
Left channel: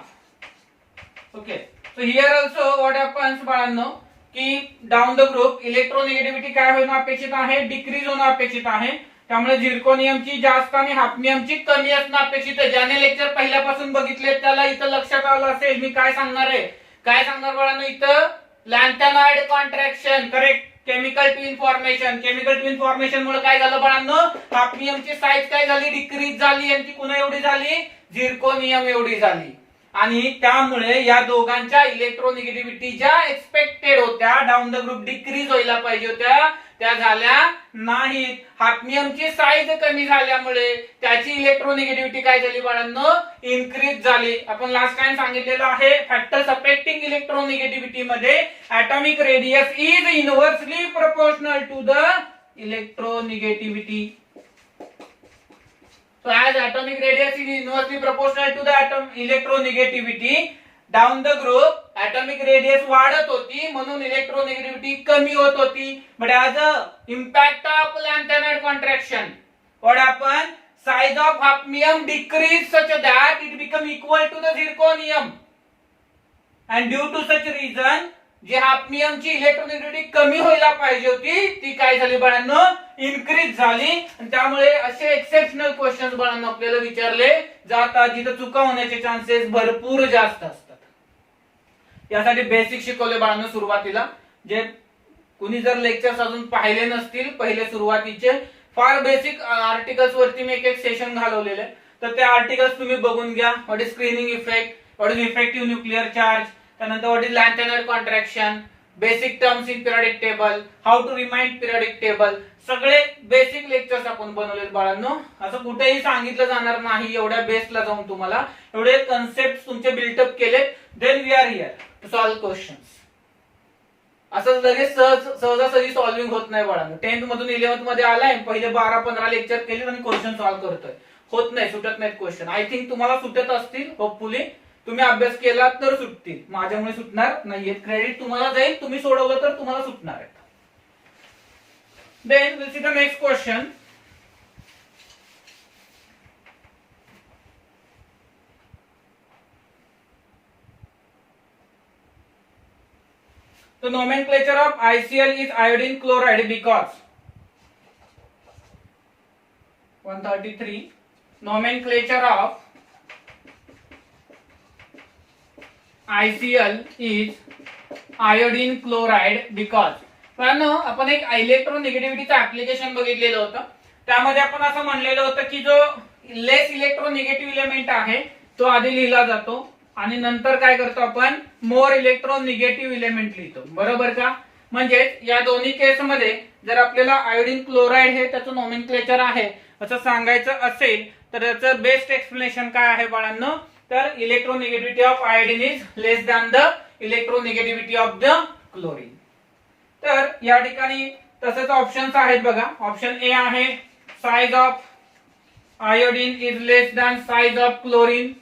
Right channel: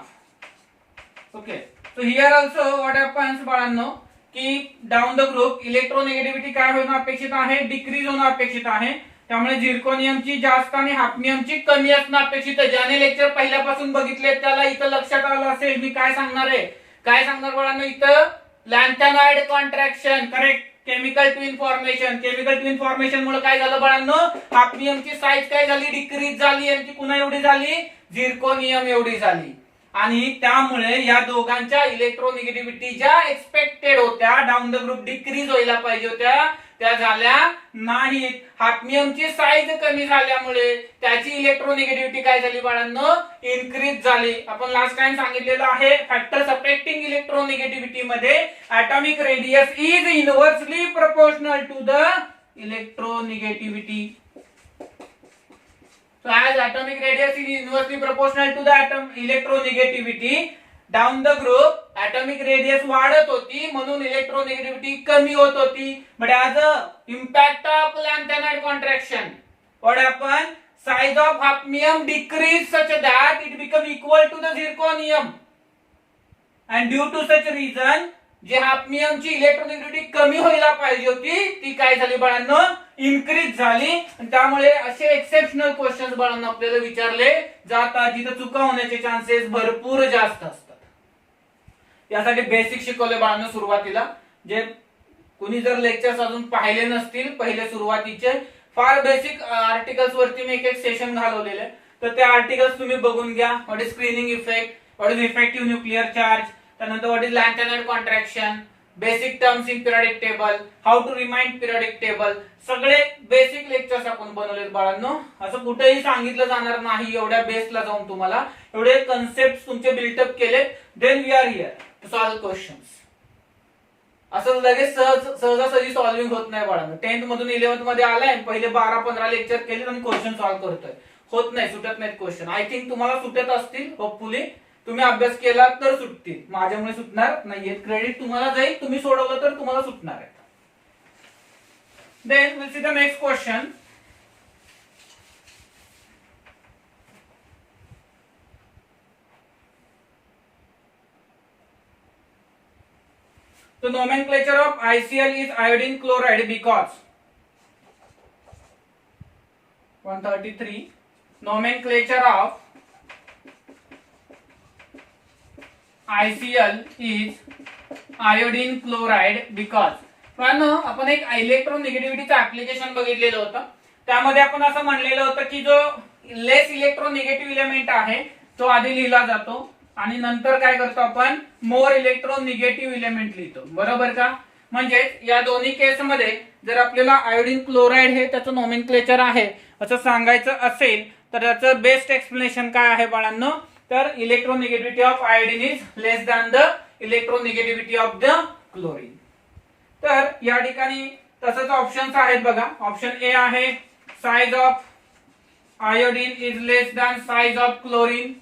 Okay. So here also what happens बाळांनो, की डाऊन द ग्रुप इलेक्ट्रोनेगेटिव्हिटी काय होणं अपेक्षित आहे, डिक्रीज होणं अपेक्षित आहे. त्यामुळे झिर्कोनियमची जास्त आणि हाफनियमची कमी असणं अपेक्षित आहे. ज्याने लेक्चर पहिल्यापासून बघितले त्याला इथं लक्षात आलं असेल मी काय सांगणार आहे. काय सांगणार बाळांनो, इथं lanthanoid contraction, correct. Chemical twin formation, chemical twin formation मुळे काय झालं बाळांनो, हाफनियमची साईज काय झाली, डिक्रीज झाली. यांची पुन्हा एवढी झाली, झिर्कोनियम एवढी झाली. आणि त्यामुळे या दोघांच्या इलेक्ट्रोनेगेटिव्हिटी ज्या एक्सपेक्टेड होत्या, डाऊन द ग्रुप डिक्रीज व्हायला पाहिजे होत्या, त्या झाल्या नाहीत. हाफनियमची साईज कमी झाल्यामुळे त्याची इलेक्ट्रोनेगेटिव्हिटी काय झाली बाळांनो, इन्क्रीज झाली. आपण लास्ट टाइम सांगितलेलं आहे, फॅक्टर सपरेक्टिंग इलेक्ट्रोनेगेटिव्हिटी मध्ये atomic radius is inversely proportional to the electronegativity. So as atomic radius is inversely proportional to the electronegativity, down the group atomic radius वाढत होती म्हणून इलेक्ट्रोनेगेटिव्हिटी कमी होत होती. But as a impact of lanthanoid contraction, what happened, size of hafnium decreased such that it become equal to the zirconium, and due to such reason जे हाफनियमची इलेक्ट्रोनेगेटिव्हिटी कमी व्हायला पाहिजे होती ती काय झाली बाळांनो, इन्क्रीज झाली. त्यामुळे असे एक्सेप्शनल क्वेश्चन्स बाळांनो आपल्याला विचारले जातात जिथे चुका होण्याचे चान्सेस भरपूर जास्त असतात. यासाठी बेसिक शिकवले बाळांनो सुरुवातीला. जे कुणी जर लेक्चर्स अजून पाहिले नसतील पहिले सुरुवातीचे, फार बेसिक आर्टिकल्स वरती मी एक सेशन घालवलेले, तर ते आर्टिकल्स तुम्ही बघून घ्या. What is screening effect, what is effective nuclear charge, त्यानंतर what is lanthanoid contraction, basic terms in periodic table, how to remind periodic table, सगळे बेसिक लेक्चर्स आपण बनवलेत बाळांनो. असं कुठेही सांगितलं जाणार नाही एवढ्या बेसला जाऊन तुम्हाला एवढे कन्सेप्ट तुमचे बिल्टअप केले. Then we are here to solve questions. असं लगेच सहजासहजी सॉल्व्हिंग होत नाही बाळांनो. 10th मधून 11th मध्ये आलाय, पहिले 12-15 लेक्चर केले आणि क्वेश्चन सॉल्व्ह करतोय, होत नाही, सुटत नाहीत क्वेश्चन. आय थिंक तुम्हाला सुटत असतील, होपफुली तुम्ही अभ्यास केला तर सुटतील, माझ्यामुळे सुटणार नाहीये. क्रेडिट तुम्हाला जाईल, तुम्ही सोडवलं तर तुम्हाला सुटणार आहे. Then will see the next question. So nomenclature of ICl is iodine chloride because 133 nomenclature of ICl is iodine chloride because पण आपण एक इलेक्ट्रोनिगेटिव्हिटीचं ऍप्लिकेशन बघितलेलं होतं. त्यामध्ये आपण असं म्हणलेलं होतं की जो लेस इलेक्ट्रोनिगेटिव्ह इलेमेंट आहे तो आधी लिहिला जातो आणि नंतर काय करतो आपण मोर इलेक्ट्रोनिगेटिव्ह इलेमेंट लिहितो. बरोबर का? म्हणजे या दोन्ही केसमध्ये जर आपल्याला आयोडीन क्लोराइड हे त्याचं नोमेनक्लेचर आहे असं सांगायचं असेल तर त्याचं बेस्ट एक्सप्लेनेशन काय आहे बाळांनो, तर electronegativity of iodine is less than the electronegativity of the chlorine. तर या ठिकाणी तसंच ऑप्शन्स आहेत बघा. ऑप्शन ए आहे size of iodine is less than size of chlorine.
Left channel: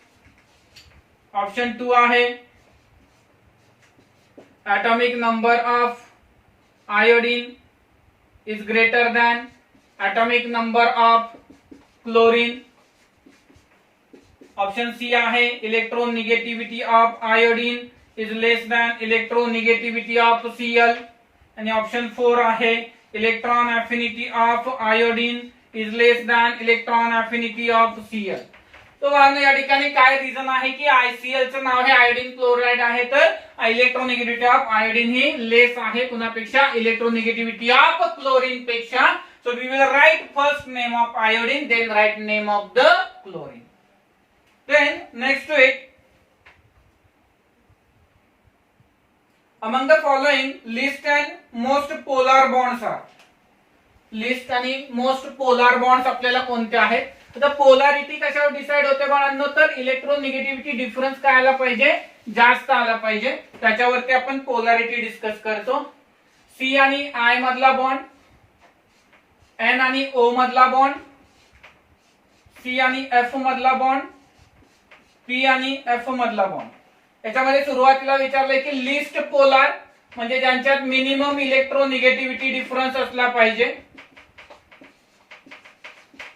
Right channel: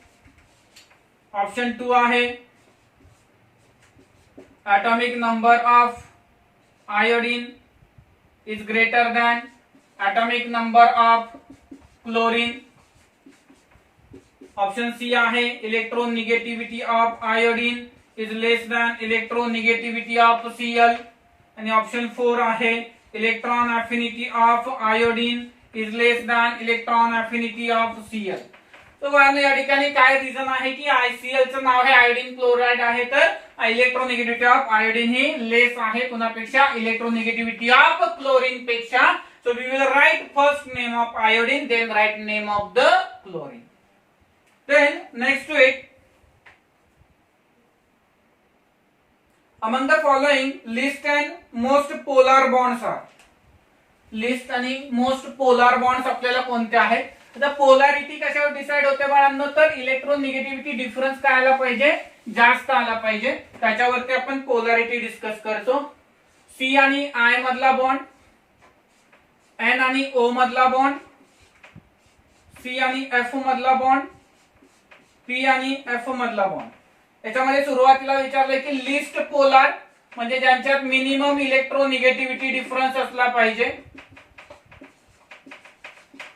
Option 2 आहे atomic number of iodine is greater than atomic number of chlorine. Option C आहे electronegativity of iodine is less than electronegativity of Cl. आणि ऑप्शन 4 आहे electron affinity of iodine is less than electron affinity of Cl. तो या ठिकाणी काय रिझन आहे की ICl चं नाव हे आयोडीन क्लोराइड आहे तर इलेक्ट्रोनिगेटिव्हिटी ऑफ आयोडीन ही लेस आहे कुणापेक्षा, इलेक्ट्रोनिगेटिव्हिटी ऑफ क्लोरीन पेक्षा. So we will write first name of iodine then write name of the chlorine. Then next to it, among the following list and most polar bonds are. List आणि मोस्ट पोलार बॉन्ड्स आपल्याला कोणते आहेत? आता पोलॅरिटी कशावर डिसाइड होते बाळांनो, तर इलेक्ट्रोनिगेटिव्हिटी डिफरन्स काय आला पाहिजे, जास्त आला पाहिजे, त्याच्यावरती आपण पोलॅरिटी डिस्कस करतो. सी आणि आय मधला बॉन्ड, एन आणि ओ मधला बॉन्ड, सी आणि एफ मधला बॉन्ड, पी आणि एफ मधला बॉन्ड. याच्यामध्ये सुरुवातीला विचारलंय की लिस्ट पोलार म्हणजे ज्यांच्यात मिनिमम इलेक्ट्रोनिगेटिव्हिटी डिफरन्स असला पाहिजे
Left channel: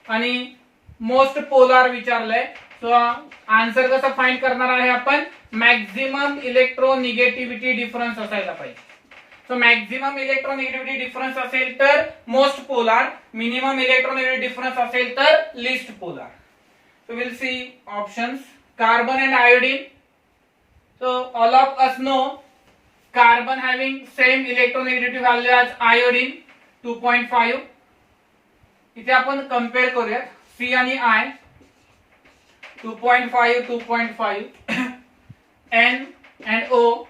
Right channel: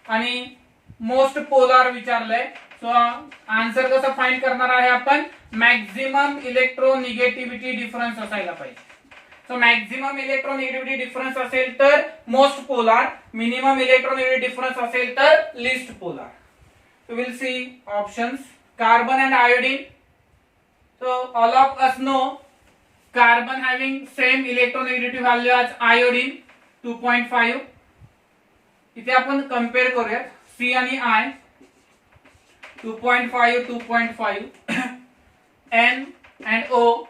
आणि मोस्ट पोलार विचारलंय. सो आन्सर कसं फाइंड करणार आहे आपण, मॅक्झिमम इलेक्ट्रोनिगेटिव्हिटी डिफरन्स असायला पाहिजे. सो मॅक्झिमम इलेक्ट्रोनिगेटिव्हिटी डिफरन्स असेल तर most polar, minimum electronegativity difference असेल तर least polar. So will see options. Carbon and iodine. So all of us know carbon having same electronegativity value as iodine 2.5. इथे आपण कम्पेअर करूयात सी आणि I 2.5 2.5 N and O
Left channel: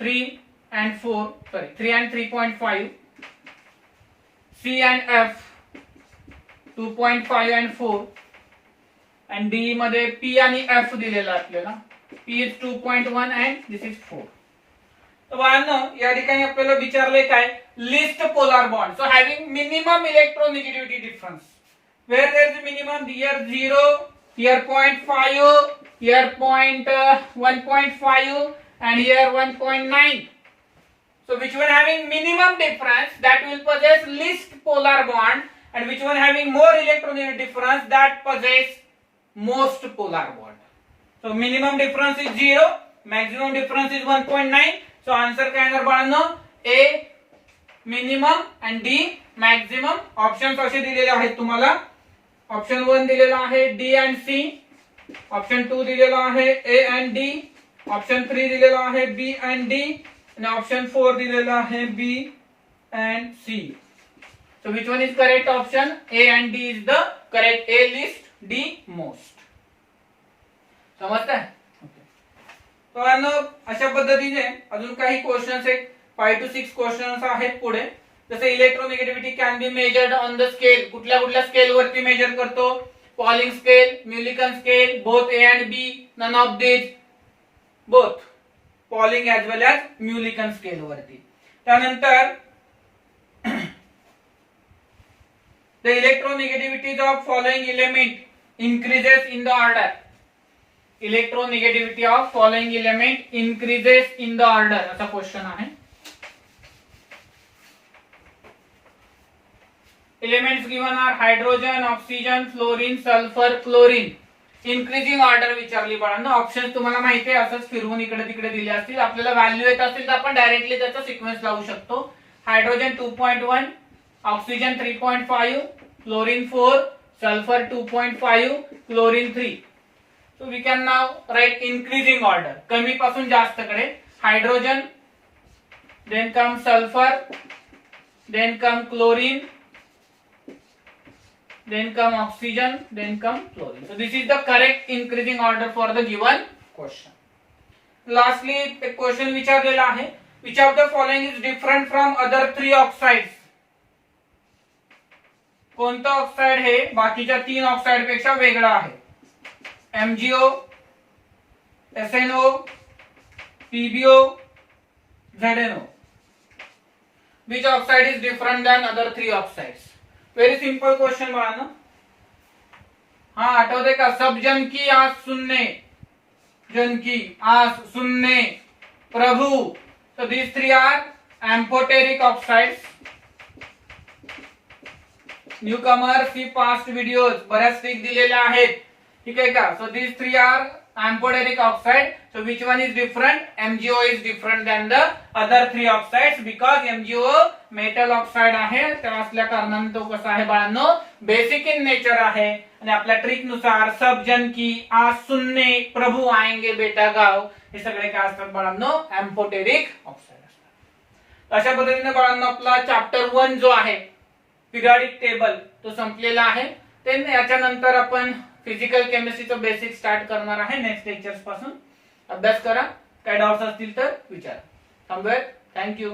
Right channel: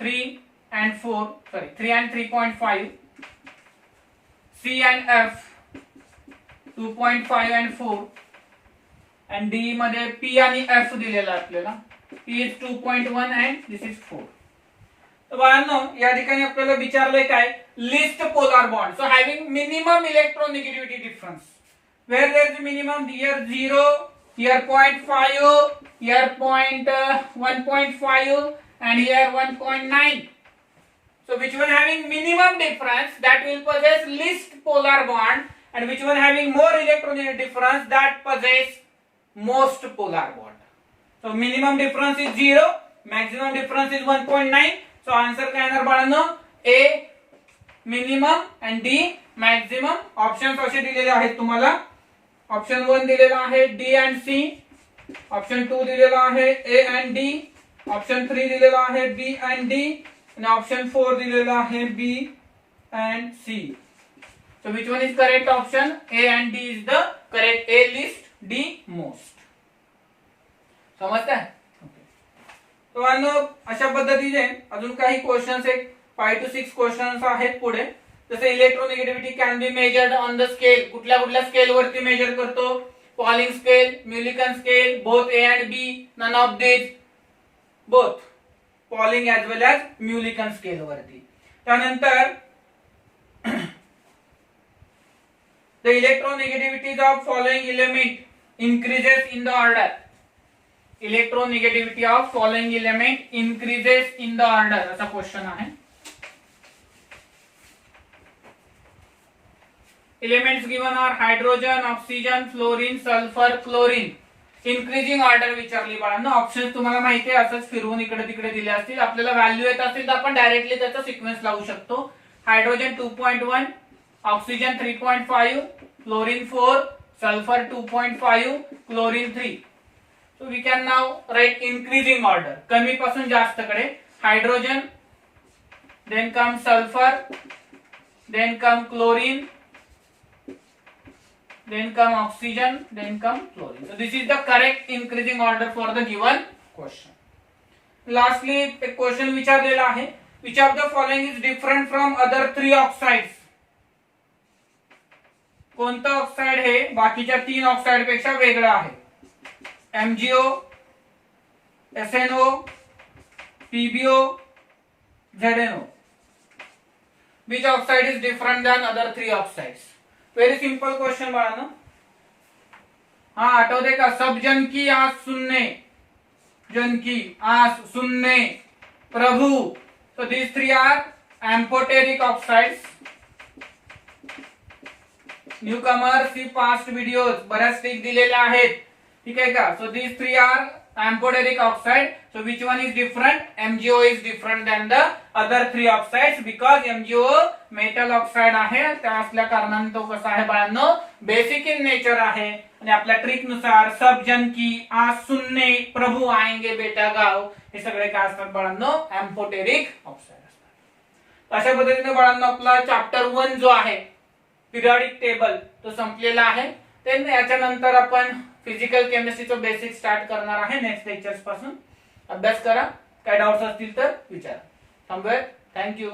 3 and 4 sorry 3 and 3.5 C and F 2.5 and 4 and D मध्ये P आणि F दिलेला आपल्याला. P is 2.1 and this is 4. तर बाळांनो या ठिकाणी आपल्याला विचारलंय काय, least polar bond. So having minimum electronegativity difference where there is minimum, here 0, here 0.5, here 1.5 and here 1.9. So which one having minimum difference that will possess least polar bond and which one having more electronegative difference that possess most polar bond. So minimum difference is 0, maximum difference is 1.9. So answer काय येणार बाळांनो, A minimum and D maximum. Options असे दिलेले आहेत तुम्हाला. ऑप्शन 1 दिलेला आहे D and C, ऑप्शन 2 दिलेला आहे A and D, ऑप्शन 3 दिलेला आहे B and D आणि ऑप्शन 4 दिलेला आहे B and C. So which one is correct option? A and D is the correct. A least, D most. समजताय? तो अशा पद्धतीने अजून काही क्वेश्चन्स आहेत, 5 to 6 क्वेश्चन्स आहेत पुढे. जसे electronegativity can be measured on the scale. कुठल्या कुठल्या स्केल वरती मेजर करतो, Pauling scale, Mulliken scale, both A and B, none of this, both Pauling as well as Mulliken scale वरती. त्यानंतर the electronegativities of following element increases in the order. Electronegativity of following element increases in the order असा क्वेश्चन आहे. Elements given are hydrogen, oxygen, fluorine, sulphur, chlorine. Increasing order विचारली बाळांनो. ऑप्शन तुम्हाला माहिती आहे, असंच फिरवून इकडे तिकडे दिले असतील. आपल्याला व्हॅल्यू येत असतील तर आपण डायरेक्टली त्याचा सिक्वेन्स लावू शकतो. Hydrogen 2.1, oxygen 3.5, chlorine 4, sulphur 2.5, chlorine 3. So we can now write increasing order. कमी पासून जास्त कडे. Hydrogen, then come sulfur, then come chlorine, then come oxygen, then come chlorine. So this is the correct increasing order for the given question. Lastly, एक क्वेश्चन विचारलेला आहे. Which of the following is different from other 3 oxides? कोणतं ऑक्साइड हे बाकीच्या 3 ऑक्साइड पेक्षा वेगळं आहे? MgO, SnO, PbO, ZnO. Which oxide is different than other 3 oxides? Very simple question बाळांनो. हाँ आठवते का? सब जन की आस सुनने, जन की आस सुनने, प्रभु. So these 3 are amphoteric oxides. Newcomer see past videos बऱ्याच ट्रिक दिलेल्या आहेत, ठीक आहे का? So these 3 are amphoteric oxide. So which one is different? MgO is different than the other 3 oxides because MgO metal oxide आहे. त्या असल्या कारणाने तो कसा आहे बाळांनो? बेसिक इन नेचर आहे. आणि आपल्या ट्रिक नुसार सब जन की आज सुनने, प्रभु आएंगे बेटा गाव, हे सगळे काय असतात बाळांनो? एम्फोटेरिक ऑक्साइड असतात. अशा पद्धतीने बाळांनो आपला चॅप्टर 1 जो आहे पिरियडिक टेबल तो संपलेला आहे. याच्यानंतर आपण फिजिकल केमिस्ट्रीचं बेसिक स्टार्ट करणार आहे नेक्स्ट लेक्चर्स पासून. अभ्यास करा, काय डाऊट्स असतील तर विचारा. थांबूयात. थँक्यू.